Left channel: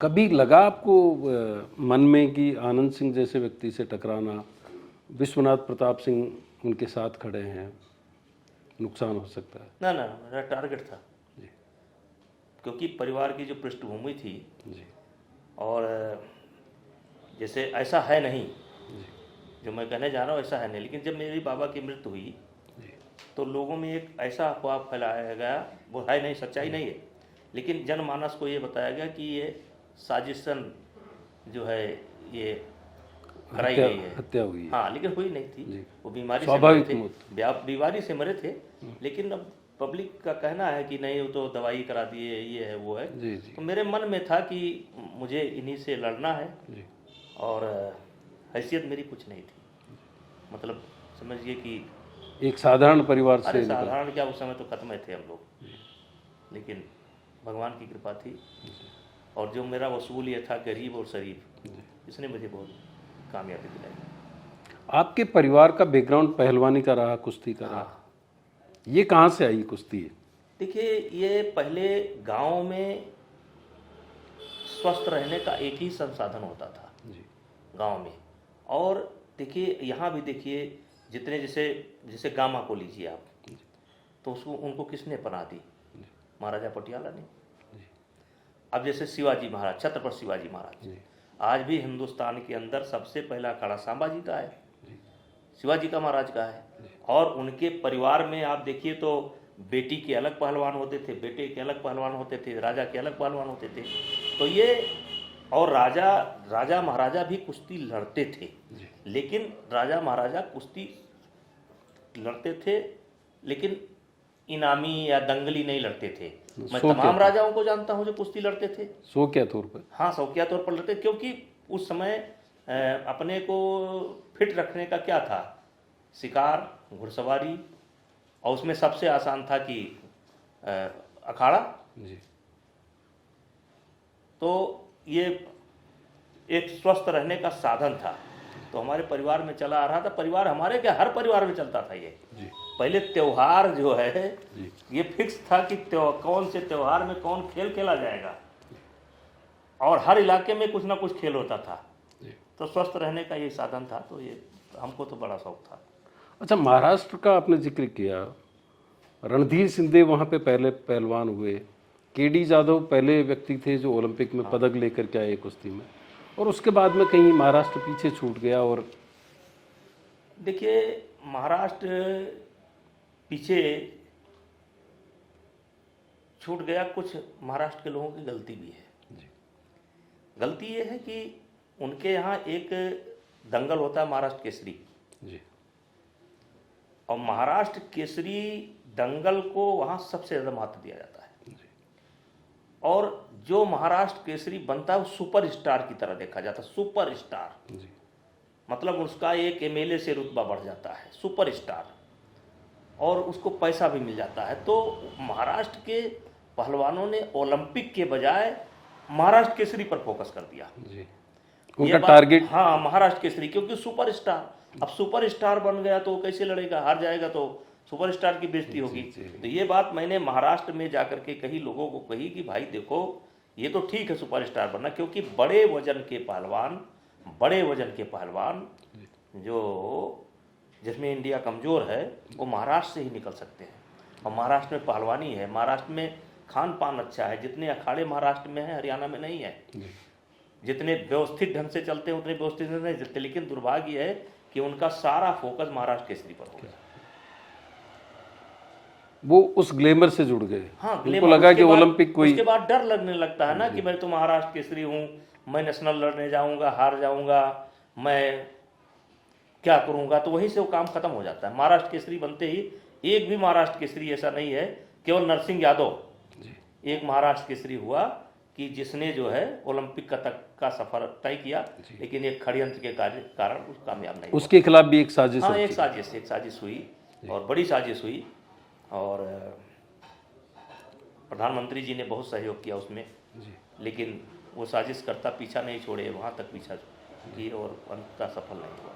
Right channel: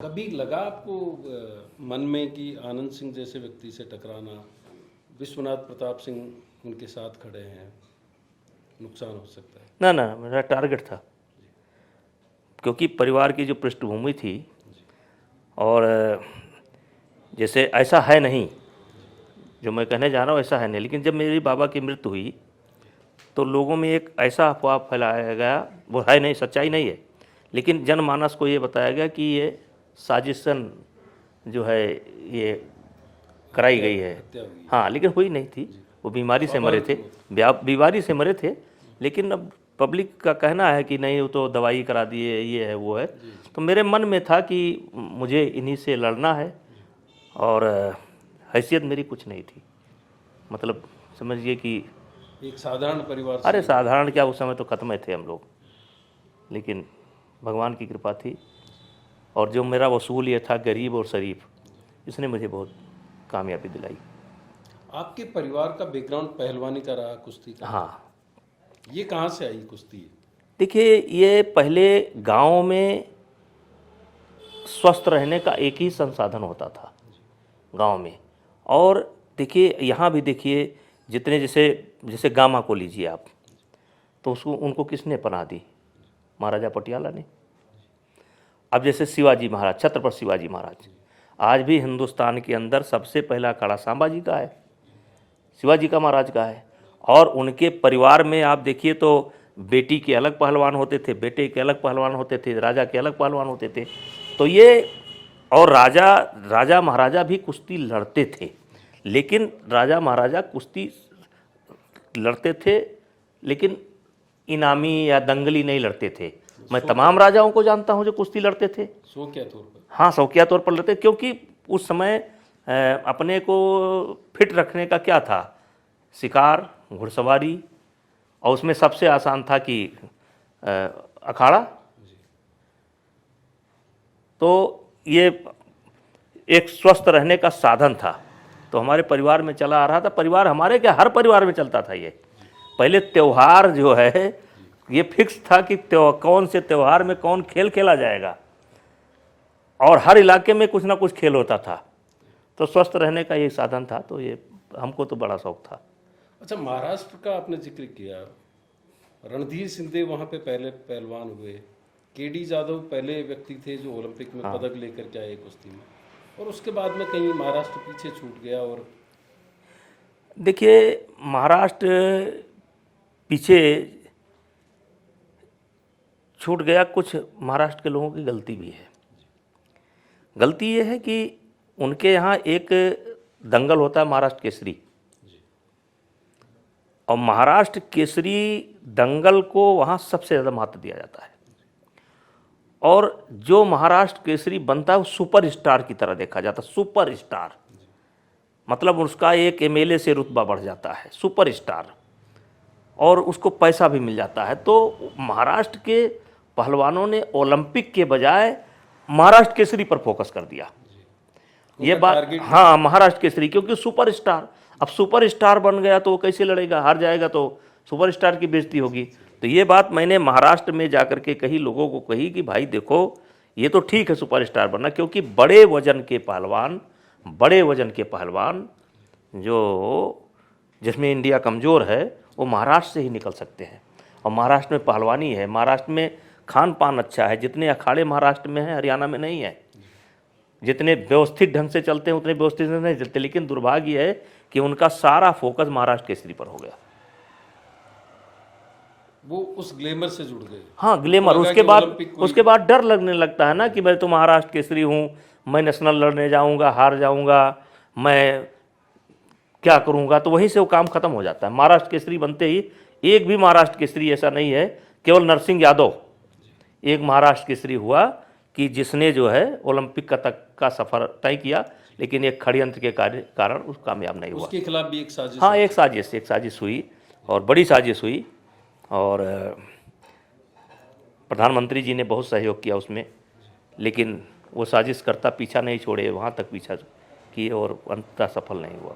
कभी लगा आपको मन में कि आनंद सिंह जैसे व्यक्ति से टकराना, विश्वनाथ प्रताप सिंह उनके साथ खड़े हैं, नुकसान हो सकता है? ना ना, मेरा टारगेट था, क्योंकि परिवार की जो पृष्ठभूमि थी और जैसे ऐसा है नहीं, जो मैं कहने जा रहा हूँ ऐसा है नहीं, लेकिन जब मेरे बाबा की मृत्यु हुई तो लोगों में एक ऐसा अफवाह फैलाया गया, वो है नहीं, सच्चाई नहीं है, लेकिन जनमानस को ये बताया गया कि ये साजिशन जो है ये कराई गई है, हत्या हुई है। हाँ, लेकिन हुई नहीं थी, वो बीमारी से मरे थे, बीमारी से मरे थे। लेकिन अब पब्लिक का कहना है कि नहीं, वो तो दवाई करा दिए, ये है वो है। तो मेरे मन में था कि मुझे इन्हीं से लड़ना है, और हैसियत मेरी कुछ नहीं थी, मतलब समझिए कि एक साधारण परिवार से। अरे साधारण क्या, उस समय तो खत्म थे हम लोग, लेकिन भगवान की कृपा थी, और जो मेरा वसूल ये था गरीब और शरीफ, इसने मुझे बहुत कामयाबी दिलाई। आपके परिवार का बैकग्राउंड पहलवानी का रहा, कुश्ती का? हाँ। ये कहाँ से आई कुश्ती? देखिए, ये पहले गांव में स्वस्थ रहने का एक ही संसाधन होता था गांव में, और देखिए यहाँ भी देखिए, जितने जैसे जैसे गामा को लीजिए आप, तो उसको उनको किसने पनाह दी? महाराजा पटियाला ने। अब जैसे शिवाजी महाराज, छत्रपति शिवाजी महाराज, आज भी हिंदुस्तान के अंदर सबसे पहला अखाड़ा सांबा जी का है, शिवाजी का महाराज का है। और उनके परिवार में आप देखिए तो बेटी के अलग पहलवान होते थे, बेटे के अलग पहलवान होते थे, राजा के अलग पहलवान होते थे। तो ये, और राजा महाराजा भी कुश्ती लड़ते थे, लेकिन राजा महाराजा कुश्ती लड़ते थे लेकिन इनामी या दंगली नहीं लड़ते थे। मैं तमाम राजाओं को जानता हूं जो कुश्ती लड़ते थे शौकिया तौर पर। हाँ, शौकिया तौर पर लड़ते, क्योंकि उस समय अपने को फिट रखने का क्या था, शिकार, घुड़सवारी, और उसमें सबसे आसान था कि अखाड़ा। तो ये एक स्वस्थ रहने का साधन था, तो हमारे परिवार में चला आ रहा था। परिवार हमारे क्या, हर परिवार में चलता था ये। पहले त्योहार जो है ये फिक्स था कि कौन से त्योहार में कौन खेल खेला जाएगा, और हर इलाके में कुछ ना कुछ खेल होता था, तो स्वस्थ रहने का ये साधन था। तो ये हमको तो बड़ा शौक था। अच्छा, महाराष्ट्र का आपने जिक्र किया, रणधीर सिंधे वहाँ पे पहले पहलवान हुए, केडी जाधव पहले व्यक्ति थे जो ओलंपिक में पदक लेकर के आए कुश्ती में, और उसके बाद में कहीं महाराष्ट्र पीछे छूट गया। और देखिए, महाराष्ट्र पीछे छूट गया, कुछ महाराष्ट्र के लोगों की गलती भी है। गलती ये है कि उनके यहाँ एक दंगल होता है महाराष्ट्र केसरी, और महाराष्ट्र केसरी दंगल को वहाँ सबसे ज़्यादा महत्व दिया जाता है, और जो महाराष्ट्र केसरी बनता है वो सुपर स्टार की तरह देखा जाता है। सुपर स्टार मतलब उसका एक एमएलए से रुतबा बढ़ जाता है, सुपर स्टार, और उसको पैसा भी मिल जाता है। तो महाराष्ट्र के पहलवानों ने ओलंपिक के बजाय महाराष्ट्र केसरी पर फोकस कर दिया। ये बात, हाँ, महाराष्ट्र केसरी, क्योंकि सुपर स्टार, अब सुपर स्टार बन गया तो कैसे लड़ेगा, हार जाएगा तो सुपर स्टार की बेइज्जती होगी। तो ये बात मैंने महाराष्ट्र में जाकर के कही, लोगों को कही कि भाई देखो, ये तो ठीक है सुपर स्टार बनना, क्योंकि बड़े वजन के पहलवान जो जिसमें इंडिया कमज़ोर है वो महाराष्ट्र से ही निकल सकते हैं। और महाराष्ट्र में पहलवानी है, महाराष्ट्र में खान पान अच्छा है, जितने अखाड़े महाराष्ट्र में हैं हरियाणा में नहीं है, जितने व्यवस्थित ढंग से चलते हैं उतने व्यवस्थित नहीं चलते। लेकिन दुर्भाग्य है कि उनका सारा फोकस महाराष्ट्र केसरी पर हो गया, वो उस ग्लैमर से जुड़ गए। हाँ, ग्लैमर। उसके बाद डर लगने लगता है ना कि मैं तो महाराष्ट्र केसरी हूँ, मैं नेशनल लड़ने जाऊँगा, हार जाऊँगा, मैं क्या करूँगा, तो वहीं से वो काम खत्म हो जाता है। महाराष्ट्र केसरी बनते ही, एक भी महाराष्ट्र केसरी ऐसा नहीं है, केवल नरसिंह यादव एक महाराष्ट्र केसरी हुआ कि जिसने जो है ओलंपिक तक का सफर तय किया, लेकिन एक षड्यंत्र के कारण उस कामयाब नहीं हुआ। उसके खिलाफ भी एक साजिश, हाँ, एक साजिश हुई, और बड़ी साजिश हुई, और प्रधानमंत्री जी ने बहुत सहयोग किया उसमें, लेकिन वो साजिश करता पीछा नहीं छोड़े, वहाँ तक पीछा किए और अंततः सफल नहीं हुआ।